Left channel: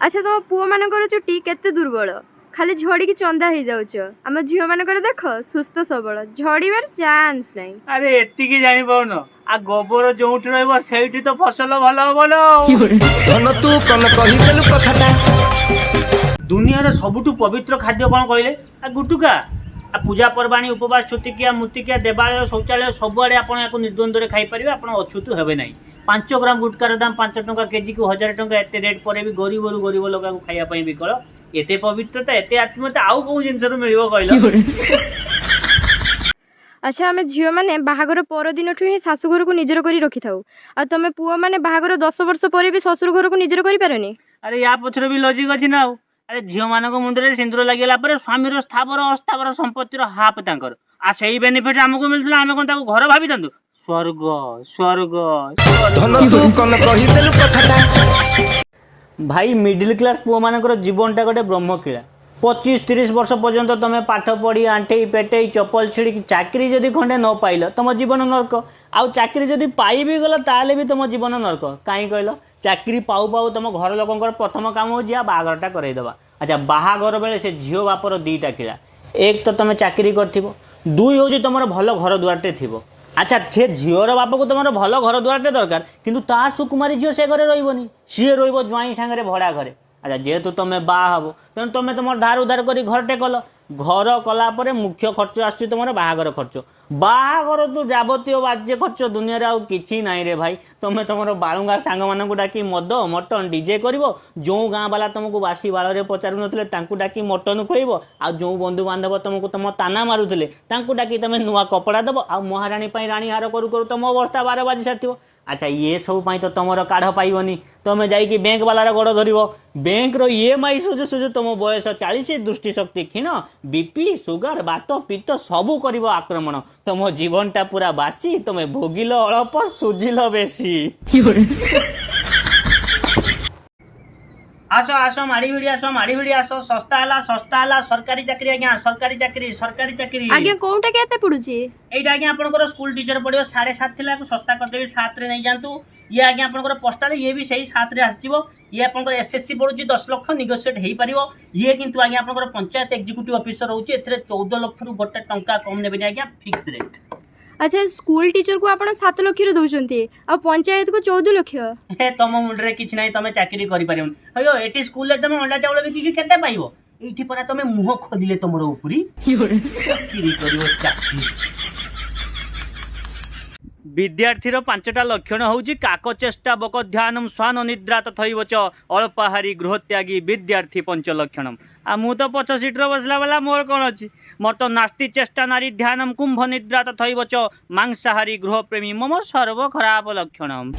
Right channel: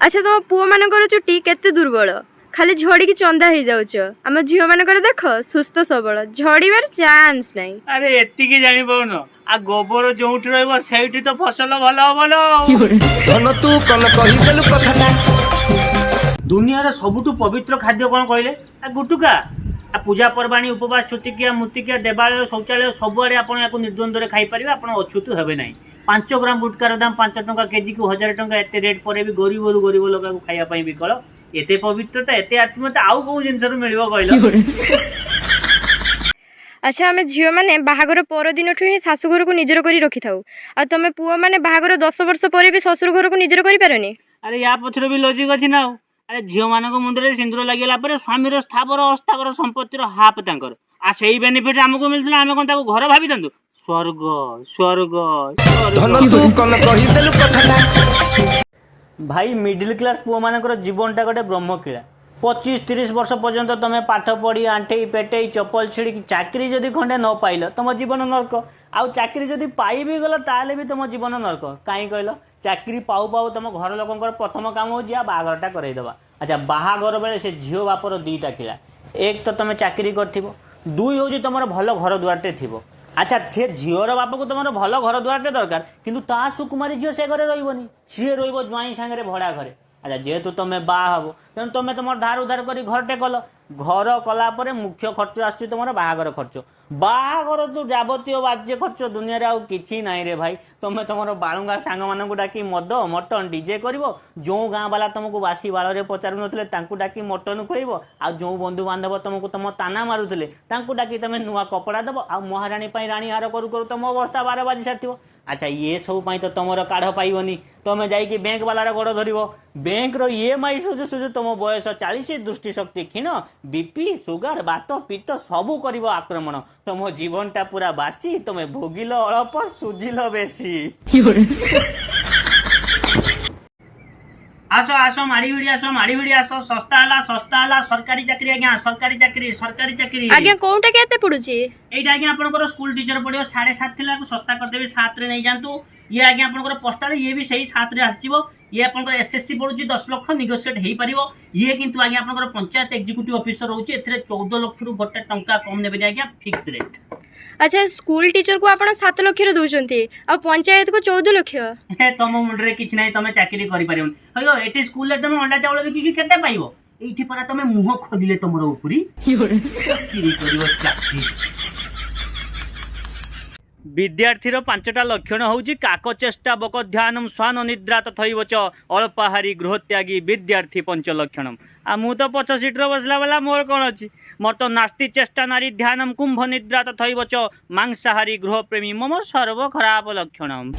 अच्छा तुम पुओ मानकर चुटी केते दुर्बल खाली झड़ी चंदा हो जाउछ आम झील मानकर देख सुस्थ सबल झड़ीबार चांस नहीं। अरे एतिकी जानी पाउन आ गोबर जोउठी रहइबो सेठी तो फसल भल भल धन तू कन कहिदेलु कथाटा दुनिया रे सबुठु पवित्र खाद्य कोन कहले आ गुटुका आ पूजा पर्वाणी उपवास छुतिकिया मुतिकिया देवालय शौचालय सबुआड़े आपण याको निर्द्वंद्व खाई पारिबे आपण अछुतु हेबे नाही। 5 ग्राम गुटकार दाम 5 टंका केजी को 1000 टंका एते रेट परे भी गरीब लोक को खाइया पई विकल एते पवित्रता एते आत्मीयता आउ को जिंस रो मिलिबो कहलो। अच्छा आम झील मैंने बाहागर पर दिन ही शाशुघर को निजर कर रखी था आ तुम पुओ मैंने बाहागर 10 वर्ष पर भी शशुर घर को निजर कर पारनी। अरे या पछरे भी लॉजिक अछि ना। अरे झील मानक मुंडरे सिंदूर लागेला पर स्वामीर स्थावर अस्थावर संपत्तिर हाफ तांकर आ सेही बेनिफिट हमको मिलथला हम कोन ताको घर भाबी दंतु स्वर्ग स्वर्ग धन तू कन कहिदेलु कथाटा भाई मिडिल क्लास पुओ मानकर जीवनटा गोटे ब्रह्मकीड़ा 25-30 वर्ष पर्यंत तुम पाठ पढ़ी आंठे पेटे चपल छिड़ी चाकरी जदि खंडे न पाइल तुम जीवन नरक आउ चाकरी जदि पाई भी गल ताले भी तुम जीवन नरक कहीं कहल चाकरी पाऊ पाऊ तुम घर लोक प्रथम काम हो बाहागरटा करईदबा। अच्छा बाहागर बेले से झील बापर दीटा किड़ा एक तो तुम चाकरी कर दुई हूँ तुम भल घर दुआरटे थी। अच्छा से झीवर बाप को तुम भल घर दुआरटे दरकार किंतु ता सुकुमारी झील से घरे रही सी ज्वाई सांगे भड़ा घरे। अच्छा जेहेतु तुम बाहा हब तेणु तुम तुम धार उधार कर घरटे कल घर कलापर मुख्य खर्च आस तुम बाहागर खर्च बाहागर तू जावतीय बाज्य खर्च दुनिया रे आउ किछि नाई रे भाई तुम तुम बालुंगा सांग मानू डाकी मद मटन डीजे कर जो गाँ वाला तुमको बासी बाल में पचारू नथिले तांकु डाकी मटन खुएब आ जो बंधु बांधव तुमको तुम ताना मारुले तांकु डाकी तुम नुआ कपड़ा दब आ महाराणी राणी हार करू करू तुम अवस्था 12 बाजी सारी। अच्छा ये सब तो तुम काढ़ पाइबनी तुम जाइए बैंक वालार गोड़ धर बैंक रो EMI सुझु सुझु तुम बयस 40 दृष्टिशक्ति क्षीण बीपी सुगर बात पित्त सबू कर आक्रमण तुम जीवनटा पूरा बासी तुम भोगिल अल्प सुझिल बेसी। आसो आसो माड़ी भिड़ी आसो सस्ता हला सरकारी चाकरी आज्ञा सरकारी चाकरी आज्ञा कोउटा केते पडुची एटा आज्ञा आपनकर स्कूल टीचर पड़ियो 7.5 थिला को सस्ता कर देबे 7 रे नै जानतु ये आज्ञा आपनकर पोस्टल ये भी सही 7 रे आसीबो ये आपनकर SSC पडुची 10 लाख नेगोशिएट हेई परिबो ये किंतु आज्ञा आपनकर पंचायत एग्जीक्यूटिव ऑफिसर होउची एथरे 14 लाख रु गोटे टंका कम नेबे आज्ञा फिक्स रेट। अच्छा स्कूल टीचर को आप 7 लाख दौरान आ पंचायत को 14 लाख तुम मुंडे कि ना तुम चाकरी कर अयो एटी स्कूल तुम अंडा चाउल बिकी केते पाइबो एठी परा तुम मुह खोलिले तुमर उपरी चाकरी करिवो चाकरी। विद्यार्थीर 5टा लक्षण होउची काकचेष्टा बक ध्यानम स्वान निद्रा तथैव च अल्पाहारी गृहत्यागी विद्यार्थी 5 लक्षणम आ मु तो पछ सीट्र बसला वाला मोर कौन अच्छी मोर तो नास्ति चेष्टा नारी ध्यानम कुंभ निद्रा तथैव च मांसाहारी गृह प्रेमी मम सर्व खराब लक्षणम।